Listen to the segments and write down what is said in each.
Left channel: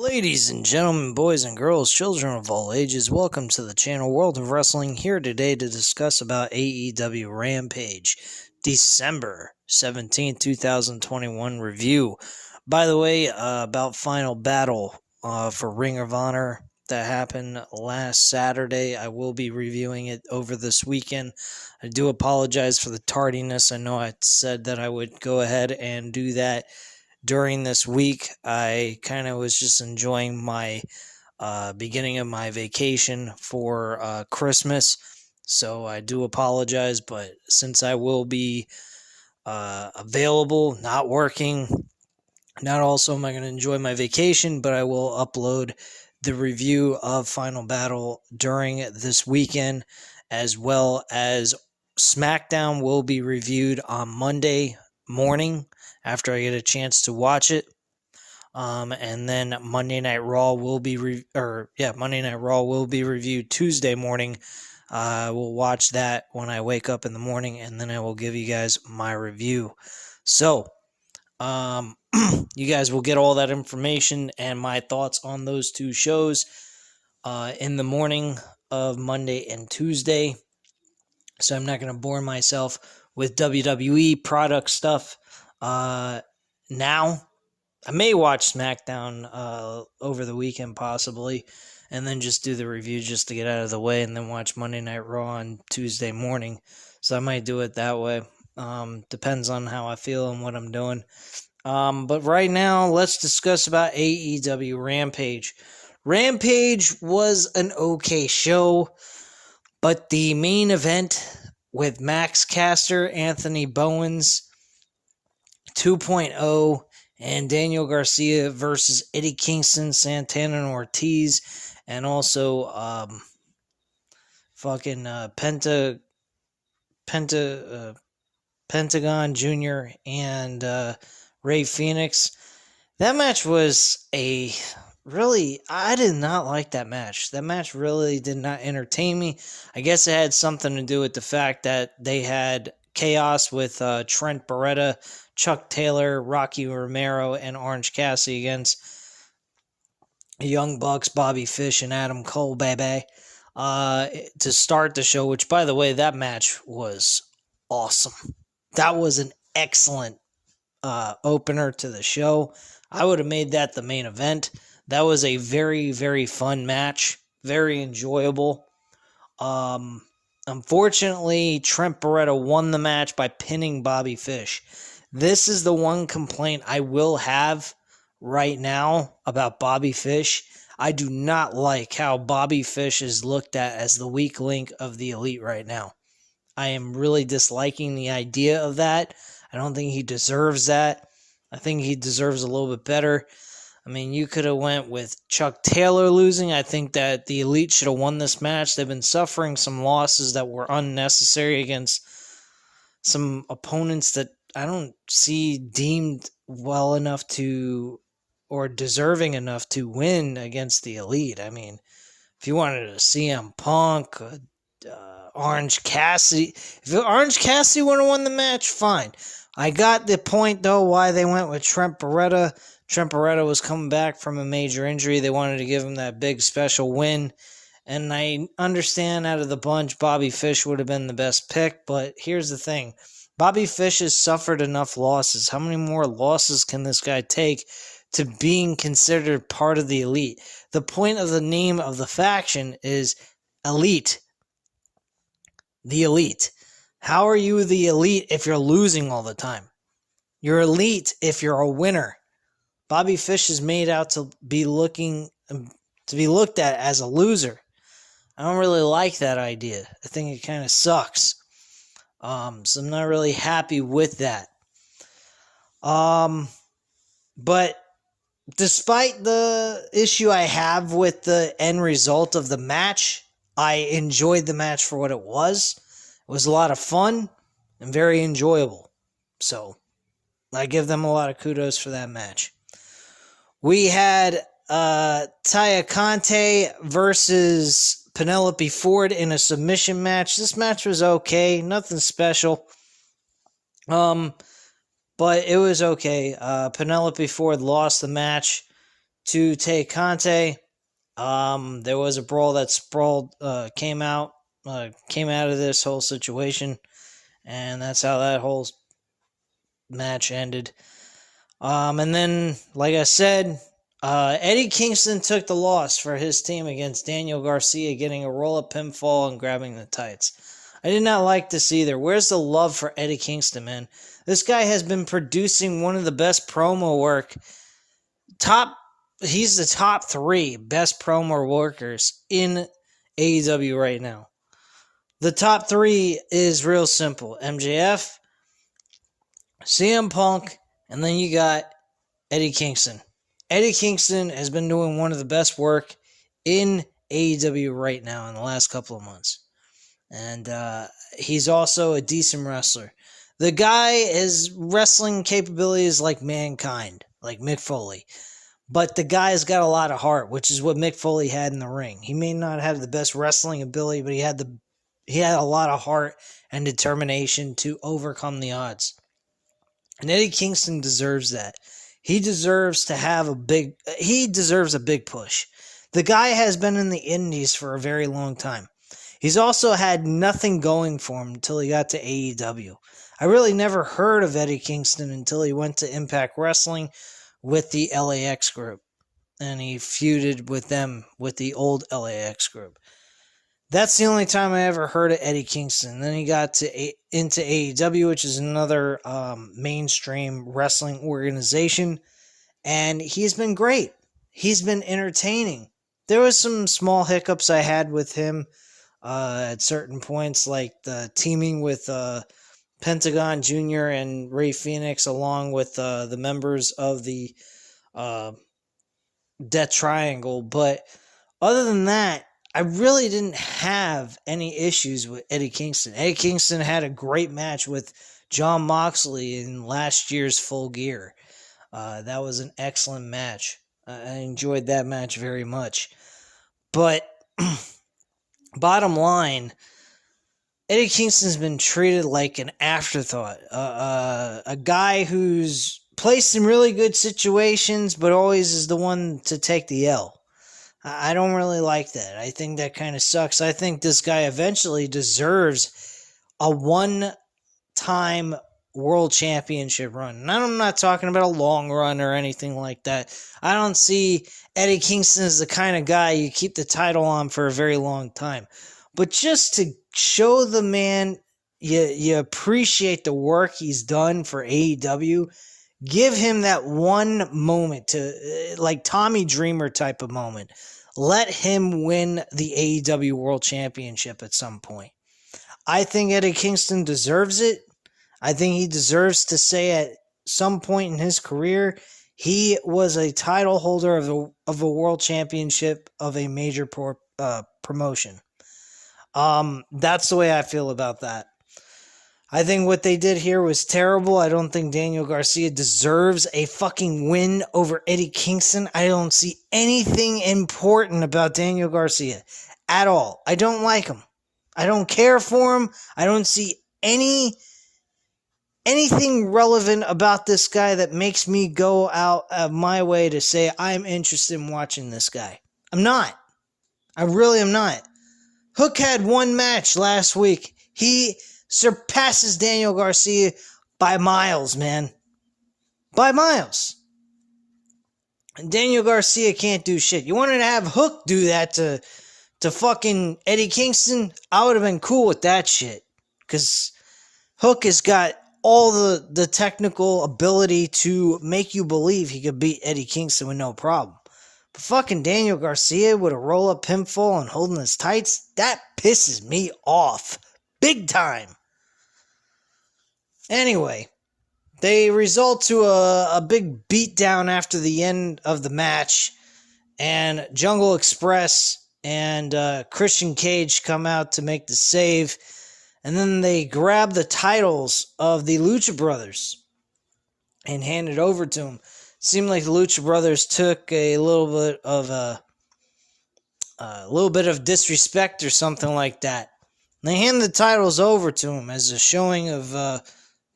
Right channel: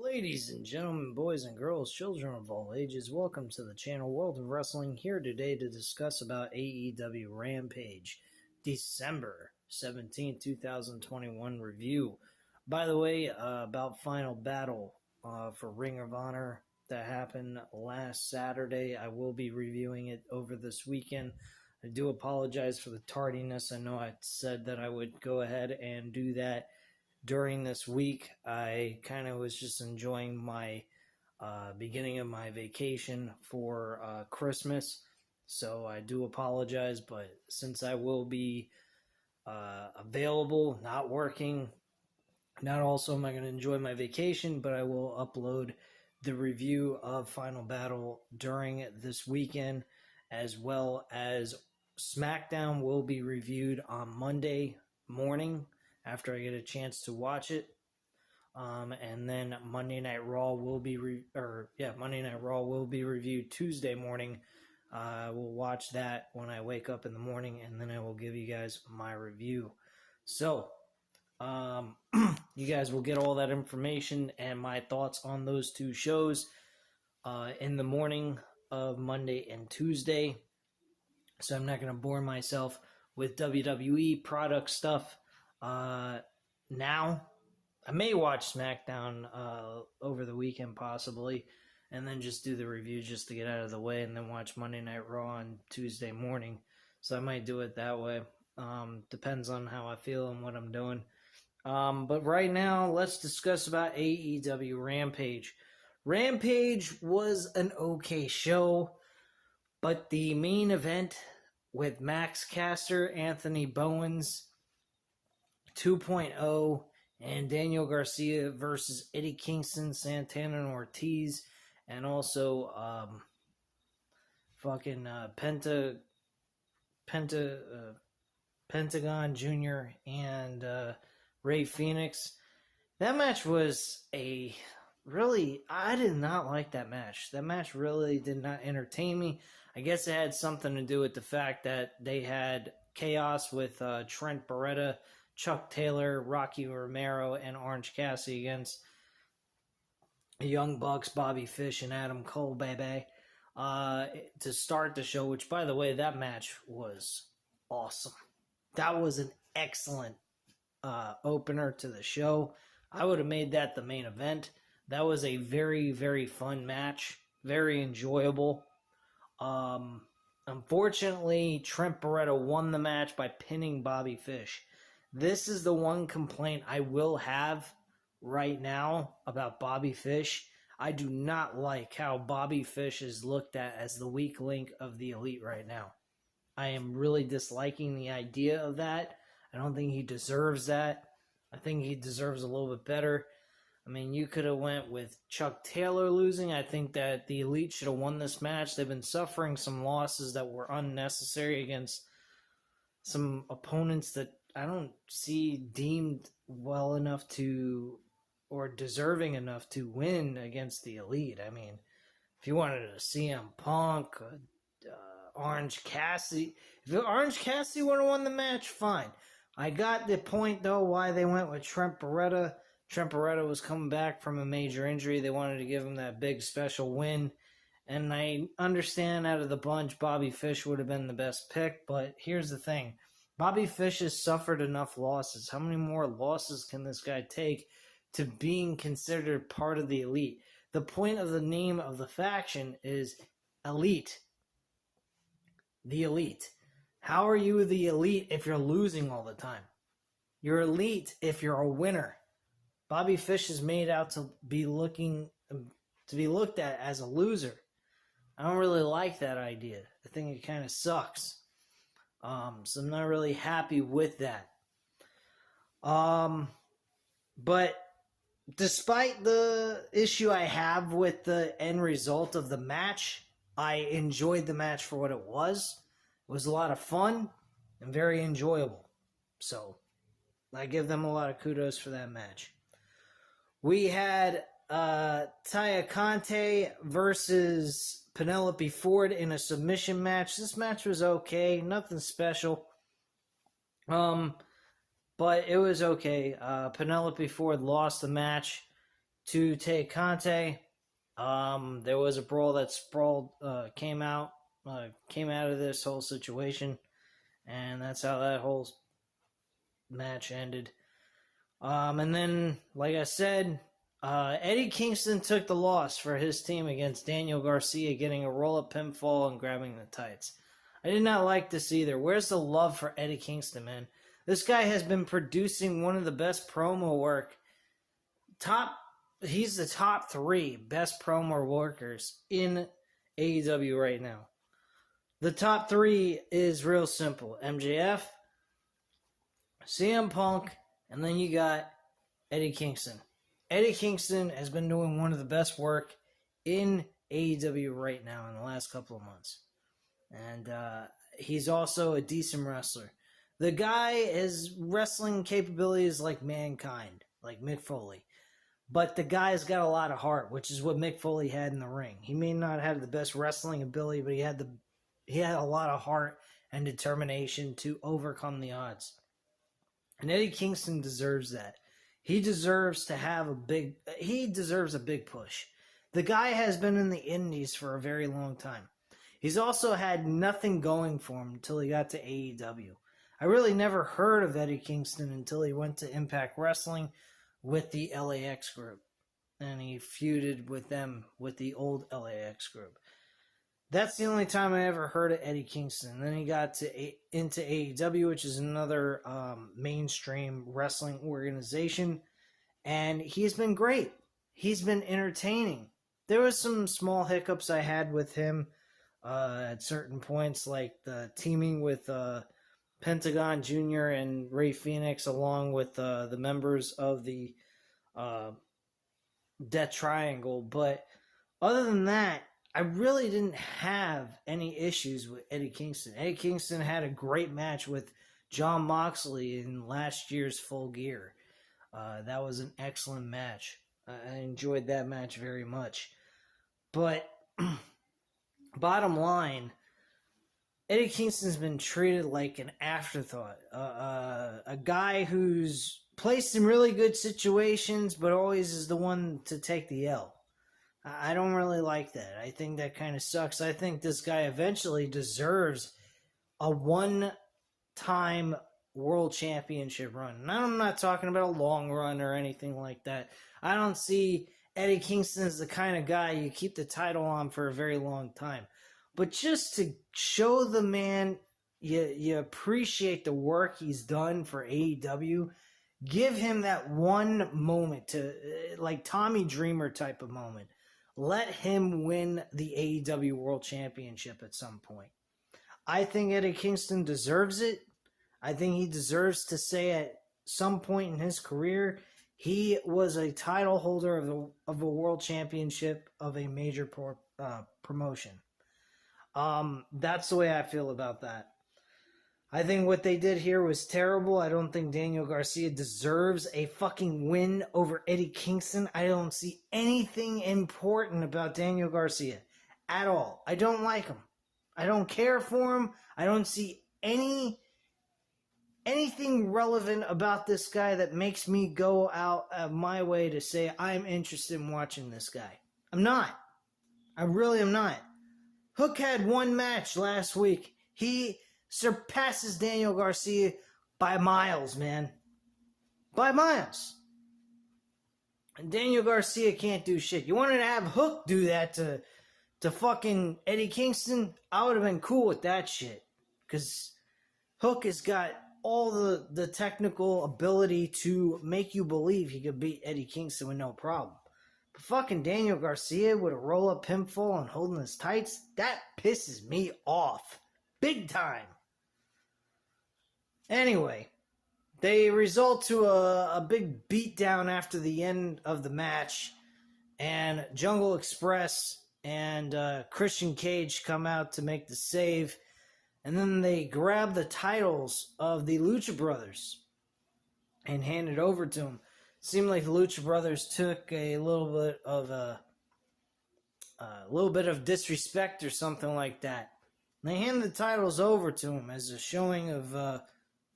Ladies and gentlemen, boys and girls, children of all ages, welcome to the channel World of Wrestling, here today to discuss about AEW Rampage, December 17th, 2021 review. By the way, about Final Battle for Ring of Honor that happened last Saturday. I will be reviewing it over this weekend. I do apologize for the tardiness. I know I said that I would go ahead and do that during this week. I kind of was just enjoying my beginning of my vacation for Christmas, so I do apologize, but since I will be available, not working, not also am I going to enjoy my vacation, but I will upload the review of Final Battle during this weekend, as well as SmackDown will be reviewed on Monday morning after I get a chance to watch it. And then Monday Night Raw will be Monday Night Raw will be reviewed Tuesday morning. I will watch that when I wake up in the morning, and then I will give you guys my review. So, you guys will get all that information and my thoughts on those two shows in the morning of Monday and Tuesday. So I'm not going to bore myself with WWE product stuff now. I may watch SmackDown over the weekend possibly, and then just do the review just to get out of the way, and then watch Monday Night Raw on Tuesday morning. So I might do it that way. Depends on how I feel and what I'm doing. But right now, let's discuss about AEW Rampage. Rampage was an okay show, but the main event with Max Caster, Anthony Bowens 2.0, and Daniel Garcia versus Eddie Kingston, Santana and Ortiz, and also Pentagon Jr. and Ray Phoenix. That match was I did not like that match. That match really did not entertain me. I guess it had something to do with the fact that they had Chaos with Trent Beretta, Chuck Taylor, Rocky Romero, and Orange Cassidy against Young Bucks, Bobby Fish, and Adam Cole, baby, to start the show, which, by the way, that match was awesome. That was an excellent opener to the show. I would have made that the main event. That was a very, very fun match. Very enjoyable. Unfortunately, Trent Beretta won the match by pinning Bobby Fish. This is the one complaint I will have right now about Bobby Fish. I do not like how Bobby Fish is looked at as the weak link of the Elite right now. I am really disliking the idea of that. I don't think he deserves that. I think he deserves a little bit better. I mean, you could have went with Chuck Taylor losing. I think that the Elite should have won this match. They've been suffering some losses that were unnecessary against some opponents that I don't see deemed well enough to, or deserving enough to win against the Elite. I mean, if you wanted a CM Punk, Orange Cassidy, if Orange Cassidy would have won the match, fine. I got the point, though, why they went with Trent Beretta. Trent Beretta was coming back from a major injury. They wanted to give him that big special win. And I understand out of the bunch, Bobby Fish would have been the best pick. But here's the thing. Bobby Fish has suffered enough losses. How many more losses can this guy take to being considered part of the Elite? The point of the name of the faction is Elite. The Elite. How are you the Elite if you're losing all the time? You're Elite if you're a winner. Bobby Fish is made out to be looked at as a loser. I don't really like that idea. I think it kind of sucks. So I'm not really happy with that. But despite the issue I have with the end result of the match, I enjoyed the match for what it was. It was a lot of fun and very enjoyable. So I give them a lot of kudos for that match. We had Taya Conte versus Penelope Ford in a submission match. This match was okay. Nothing special. But it was okay. Penelope Ford lost the match to Tay Conte. There was a brawl that came out of this whole situation, and that's how that whole match ended. And then, like I said, Eddie Kingston took the loss for his team against Daniel Garcia, getting a roll-up pinfall and grabbing the tights. I did not like this either. Where's the love for Eddie Kingston, man? This guy has been producing one of the best promo work. He's the top 3 best promo workers in AEW right now. The top 3 is real simple. MJF, CM Punk, and then you got Eddie Kingston. Eddie Kingston has been doing one of the best work in AEW right now in the last couple of months. And he's also a decent wrestler. The guy has wrestling capabilities like Mankind, like Mick Foley. But the guy's got a lot of heart, which is what Mick Foley had in the ring. He may not have the best wrestling ability, but he had a lot of heart and determination to overcome the odds. And Eddie Kingston deserves that. He deserves a big push. The guy has been in the indies for a very long time. He's also had nothing going for him until he got to AEW. I really never heard of Eddie Kingston until he went to Impact Wrestling with the LAX group. And he feuded with them, with the old LAX group. That's the only time I ever heard of Eddie Kingston. Then he got into AEW, which is another mainstream wrestling organization. And he's been great. He's been entertaining. There was some small hiccups I had with him at certain points, like the teaming with Pentagon Jr. and Rey Fenix, along with the members of the Death Triangle. But other than that, I really didn't have any issues with Eddie Kingston. Eddie Kingston had a great match with Jon Moxley in last year's Full Gear. That was an excellent match. I enjoyed that match very much. But bottom line, Eddie Kingston's been treated like an afterthought. A guy who's placed in really good situations, but always is the one to take the L. I don't really like that. I think that kind of sucks. I think this guy eventually deserves a one-time world championship run. And I'm not talking about a long run or anything like that. I don't see Eddie Kingston as the kind of guy you keep the title on for a very long time. But just to show the man you appreciate the work he's done for AEW, give him that one moment to, like Tommy Dreamer type of moment. Let him win the AEW World Championship at some point. I think Eddie Kingston deserves it. I think he deserves to say at some point in his career he was a title holder of a world championship of a major promotion. That's the way I feel about that. I think what they did here was terrible. I don't think Daniel Garcia deserves a fucking win over Eddie Kingston. I don't see anything important about Daniel Garcia at all. I don't like him. I don't care for him. I don't see anything relevant about this guy that makes me go out of my way to say I'm interested in watching this guy. I'm not. I really am not. Hook had one match last week. He surpasses Daniel Garcia by miles, man. By miles. And Daniel Garcia can't do shit. You wanted to have Hook do that to fucking Eddie Kingston? I would have been cool with that shit. Because Hook has got all the technical ability to make you believe he could beat Eddie Kingston with no problem. But fucking Daniel Garcia with a roll-up pinfall and holding his tights, that pisses me off. Big time. Anyway, they result to a big beatdown after the end of the match, and Jungle Express and Christian Cage come out to make the save, and then they grab the titles of the Lucha Brothers and hand it over to them. Seemed like the Lucha Brothers took a little bit of disrespect or something like that. And they hand the titles over to him as a showing of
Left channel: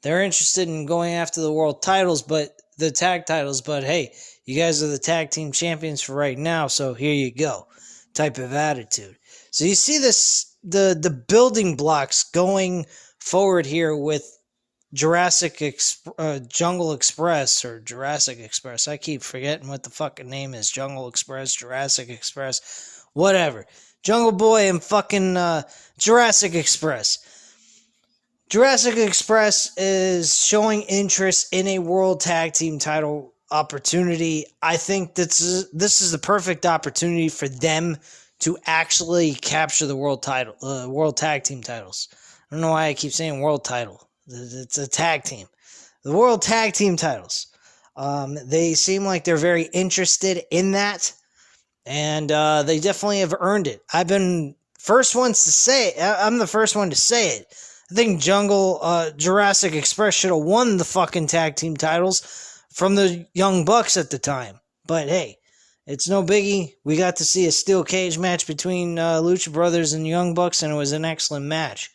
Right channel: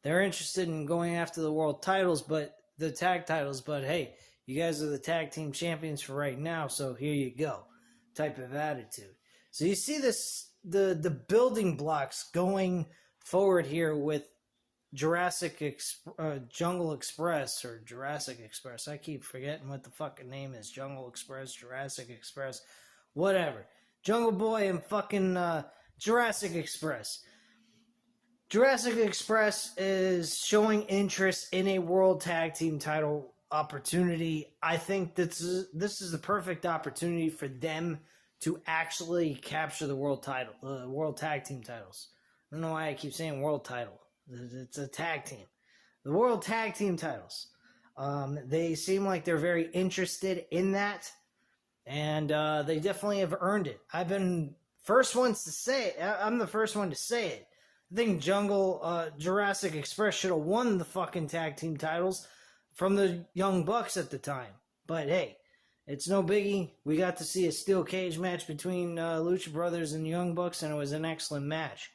they're interested in going after the world titles, but the tag titles. But hey, You guys are the tag team champions for right now, so here you go, type of attitude. So you see this, the building blocks going forward here with Jungle Express or Jurassic Express. I keep forgetting what the fucking name is. Jungle Express, Jurassic Express, whatever. Jungle Boy and fucking Jurassic Express. Jurassic Express is showing interest in a world tag team title opportunity. I think this is the perfect opportunity for them to actually capture the world tag team titles. I don't know why I keep saying world title. It's a tag team. The world tag team titles. They seem like they're very interested in that, and they definitely have earned it. I've been first ones to say it. I'm the first one to say it. I think Jurassic Express should have won the fucking tag team titles from the Young Bucks at the time. But hey, it's no biggie. We got to see a steel cage match between Lucha Brothers and Young Bucks, and it was an excellent match.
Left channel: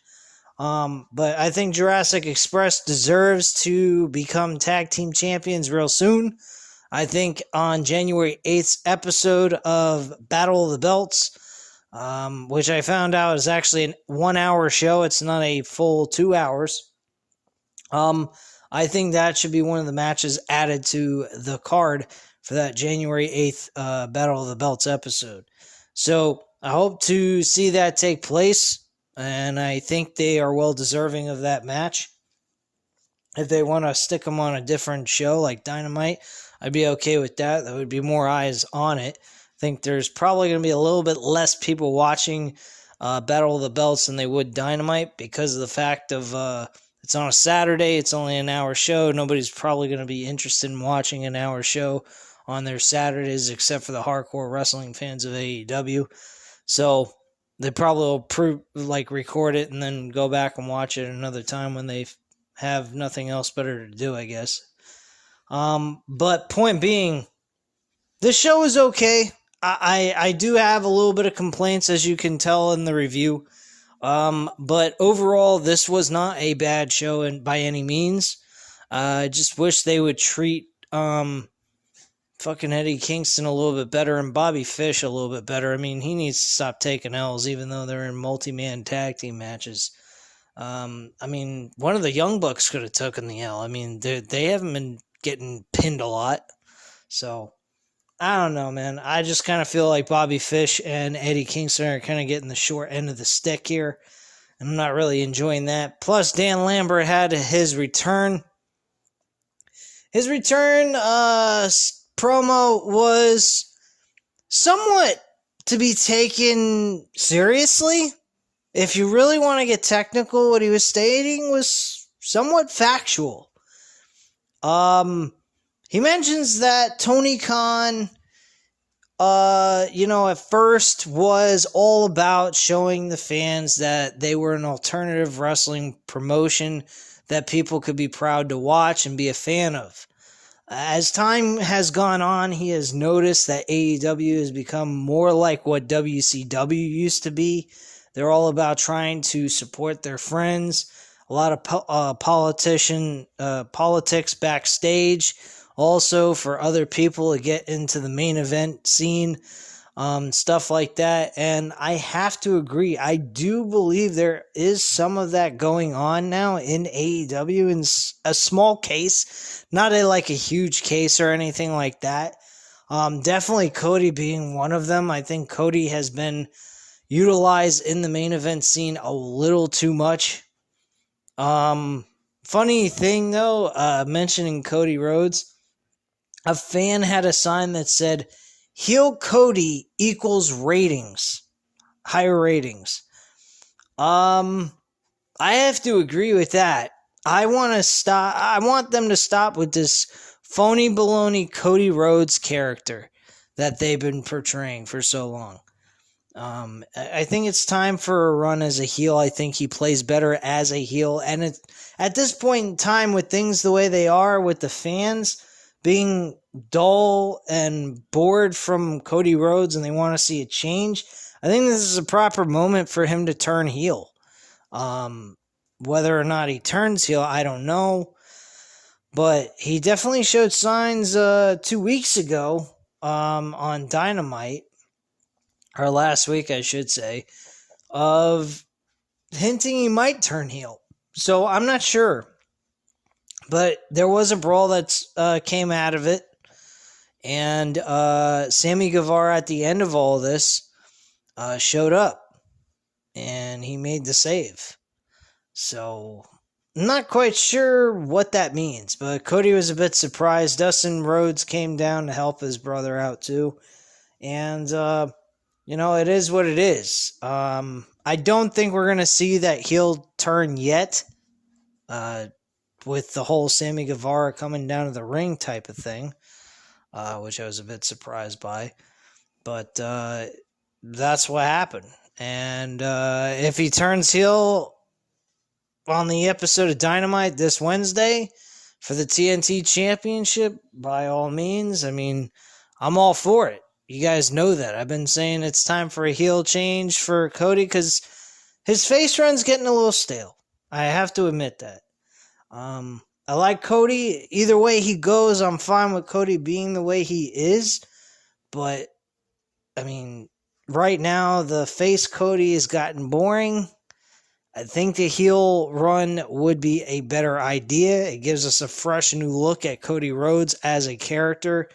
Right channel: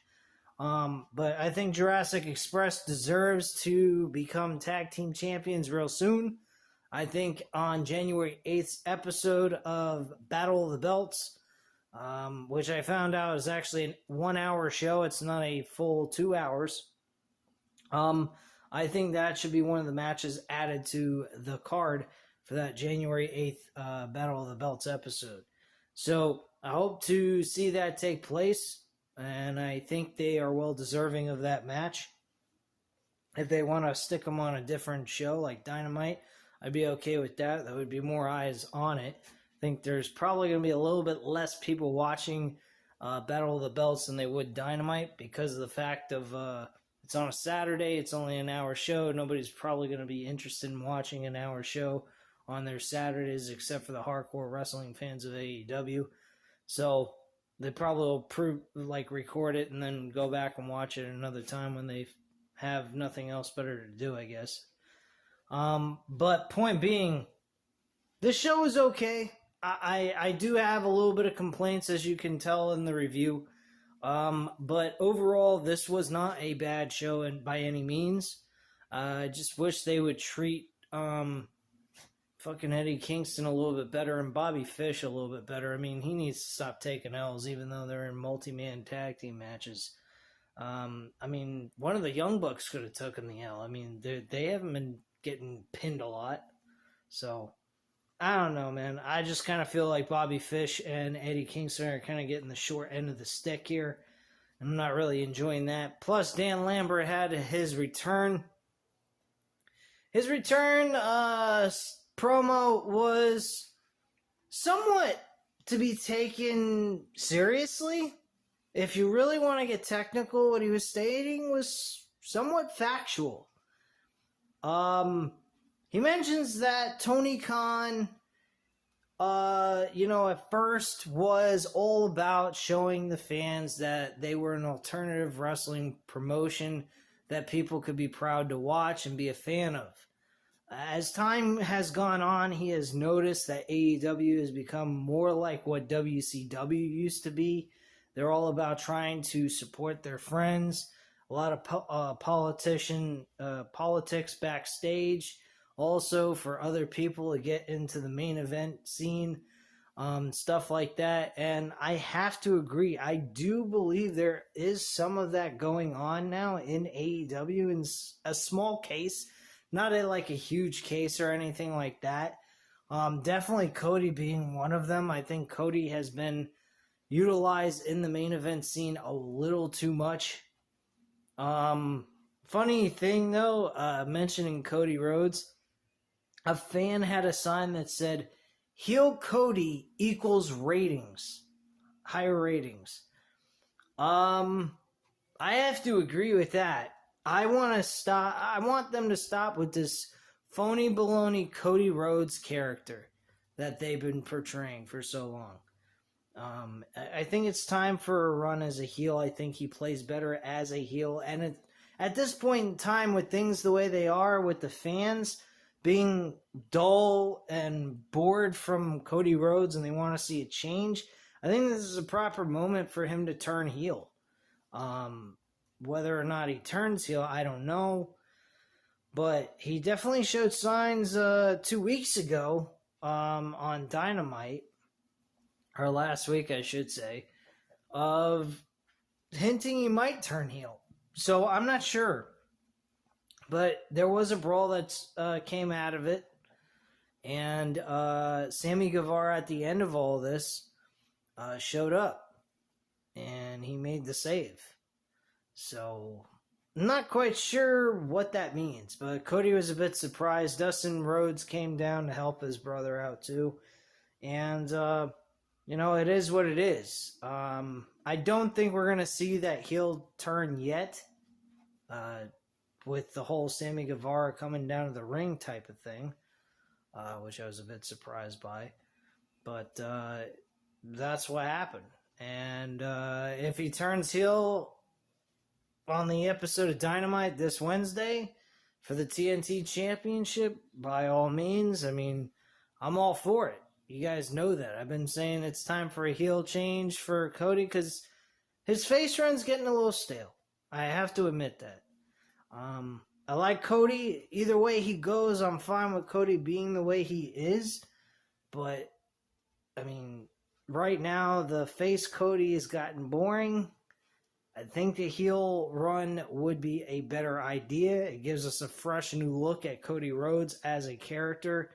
But I think Jurassic Express deserves to become tag team champions real soon. I think on January 8th's episode of Battle of the Belts, which I found out is actually a 1 hour show. It's not a full 2 hours. I think that should be one of the matches added to the card for that January 8th Battle of the Belts episode. So I hope to see that take place, and I think they are well deserving of that match. If they want to stick them on a different show like Dynamite, I'd be okay with that. There would be more eyes on it. I think there's probably going to be a little bit less people watching Battle of the Belts than they would Dynamite because of the fact of it's on a Saturday. It's only an hour show. Nobody's probably going to be interested in watching an hour show on their Saturdays except for the hardcore wrestling fans of AEW. So they probably will record it and then go back and watch it another time when they have nothing else better to do, I guess. But point being, this show is okay. I do have a little bit of complaints, as you can tell in the review. But overall, this was not a bad show by any means. I just wish they would treat fucking Eddie Kingston a little bit better and Bobby Fish a little bit better. I mean, he needs to stop taking L's, even though they're in multi-man tag team matches. I mean, one of the Young Bucks could have taken the L. I mean, they haven't been getting pinned a lot. So, I don't know, man. I just kind of feel like Bobby Fish and Eddie Kingston are kind of getting the short end of the stick here. I'm not really enjoying that. Plus, Dan Lambert had his return. His return promo was somewhat to be taken seriously. If you really want to get technical, what he was stating was somewhat factual. He mentions that Tony Khan, at first was all about showing the fans that they were an alternative wrestling promotion that people could be proud to watch and be a fan of. As time has gone on, he has noticed that AEW has become more like what WCW used to be. They're all about trying to support their friends. A lot of politics backstage. Also for other people to get into the main event scene. Stuff like that. And I have to agree. I do believe there is some of that going on now in AEW in a small case. Not a huge case or anything like that. Definitely Cody being one of them. I think Cody has been utilized in the main event scene a little too much. Funny thing though, mentioning Cody Rhodes, a fan had a sign that said, "Heel Cody equals ratings, higher ratings." I have to agree with that. I want them to stop with this phony baloney Cody Rhodes character that they've been portraying for so long. I think it's time for a run as a heel. I think he plays better as a heel. And at this point in time, with things the way they are, with the fans being dull and bored from Cody Rhodes and they want to see a change, I think this is a proper moment for him to turn heel. Whether or not he turns heel, I don't know. But he definitely showed signs 2 weeks ago on Dynamite, or last week, I should say, of hinting he might turn heel. So I'm not sure. But there was a brawl that came out of it. And Sammy Guevara, at the end of all this, showed up. And he made the save. So, not quite sure what that means. But Cody was a bit surprised. Dustin Rhodes came down to help his brother out, too. And, it is what it is. I don't think we're going to see that heel turn yet. With the whole Sammy Guevara coming down to the ring type of thing, which I was a bit surprised by. But that's what happened. And if he turns heel on the episode of Dynamite this Wednesday for the TNT Championship, by all means, I mean, I'm all for it. You guys know that. I've been saying it's time for a heel change for Cody because his face run's getting a little stale. I have to admit that. I like Cody. Either way he goes, I'm fine with Cody being the way he is. But, I mean, right now, the face Cody has gotten boring. I think the heel run would be a better idea. It gives us a fresh new look at Cody Rhodes as a character.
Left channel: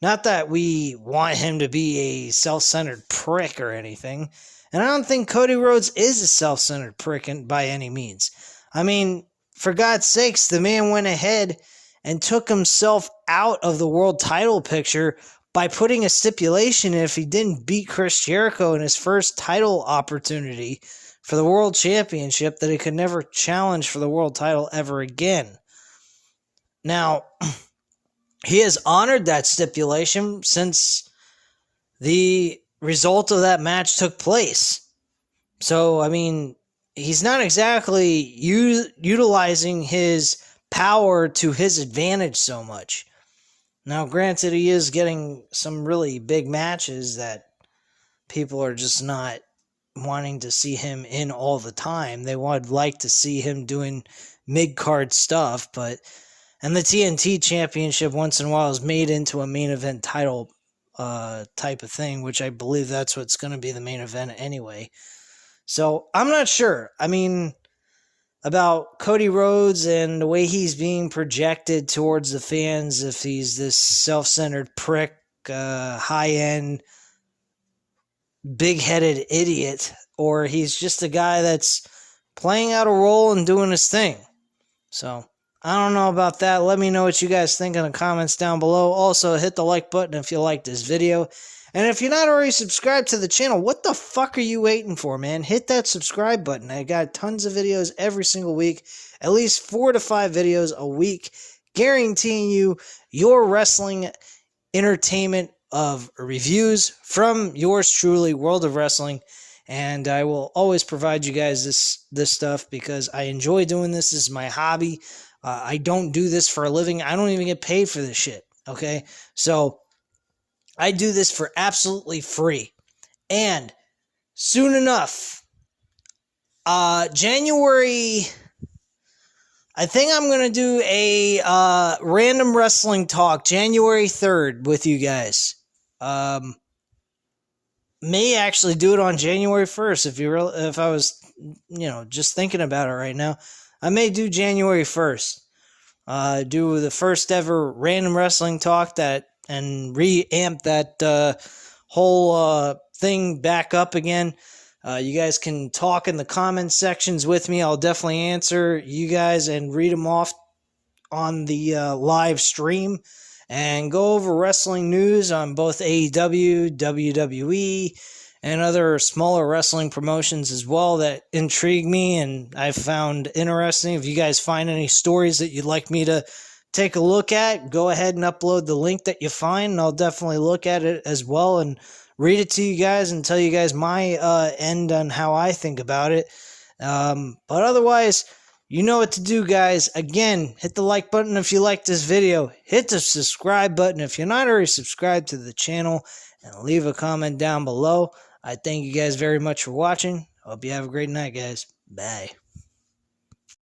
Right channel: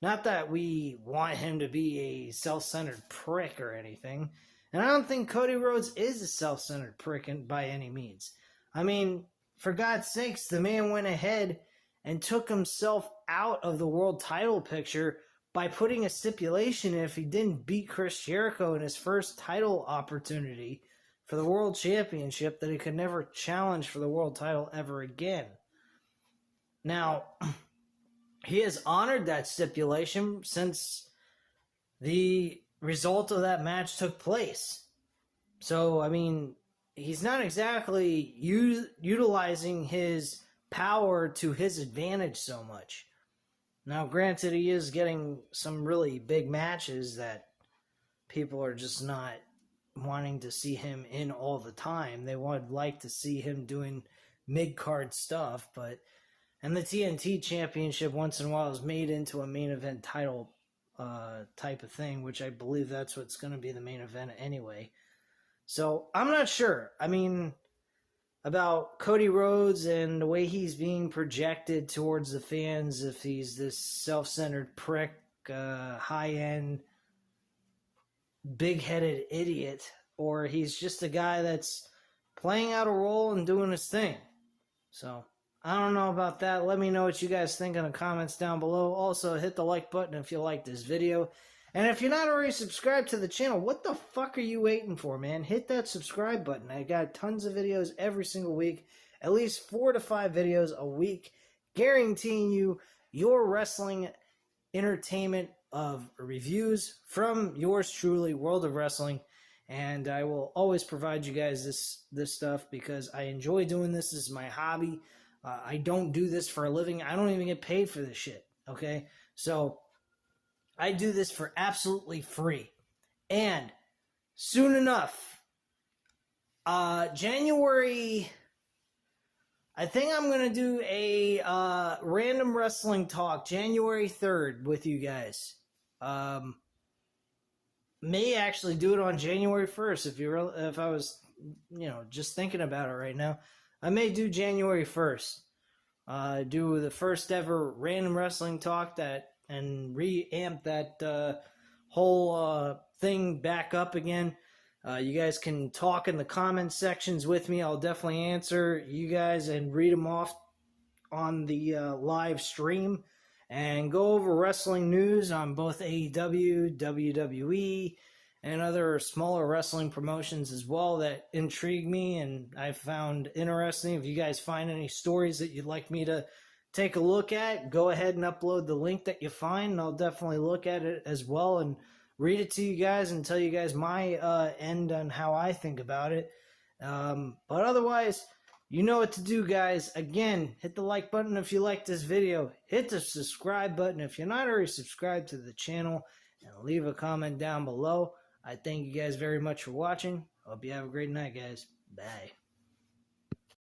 Not that we want him to be a self-centered prick or anything. And I don't think Cody Rhodes is a self-centered prick by any means. I mean, for God's sakes, the man went ahead and took himself out of the world title picture by putting a stipulation if he didn't beat Chris Jericho in his first title opportunity for the world championship, that he could never challenge for the world title ever again. Now, he has honored that stipulation since the result of that match took place. So, I mean, he's not exactly utilizing his power to his advantage so much. Now, granted, he is getting some really big matches that people are just not wanting to see him in all the time. They would like to see him doing mid-card stuff, and the TNT Championship once in a while is made into a main event title type of thing, which I believe that's what's going to be the main event anyway. So, I'm not sure. I mean, about Cody Rhodes and the way he's being projected towards the fans, if he's this self-centered prick, high-end, big-headed idiot, or he's just a guy that's playing out a role and doing his thing. So, I don't know about that. Let me know what you guys think in the comments down below. Also, hit the like button if you liked this video. And if you're not already subscribed to the channel, what the fuck are you waiting for, man? Hit that subscribe button. I got tons of videos every single week. At least 4 to 5 videos a week. Guaranteeing you your wrestling entertainment of reviews from yours truly, World of Wrestling. And I will always provide you guys this stuff because I enjoy doing this. This is my hobby. I don't do this for a living. I don't even get paid for this shit, okay? So I do this for absolutely free. And soon enough, January, I think I'm going to do a random wrestling talk January 3rd with you guys. May actually do it on January 1st if I was, just thinking about it right now. I may do January 1st. Do the first ever random wrestling talk and re-amp that whole thing back up again. You guys can talk in the comments sections with me. I'll definitely answer you guys and read them off on the live stream. And go over wrestling news on both AEW, WWE, and other smaller wrestling promotions as well that intrigue me and I found interesting. If you guys find any stories that you'd like me to take a look at, go ahead and upload the link that you find, and I'll definitely look at it as well and read it to you guys and tell you guys my end on how I think about it. But otherwise, you know what to do, guys. Again, hit the like button if you like this video. Hit the subscribe button if you're not already subscribed to the channel, and leave a comment down below. I thank you guys very much for watching. Hope you have a great night, guys. Bye.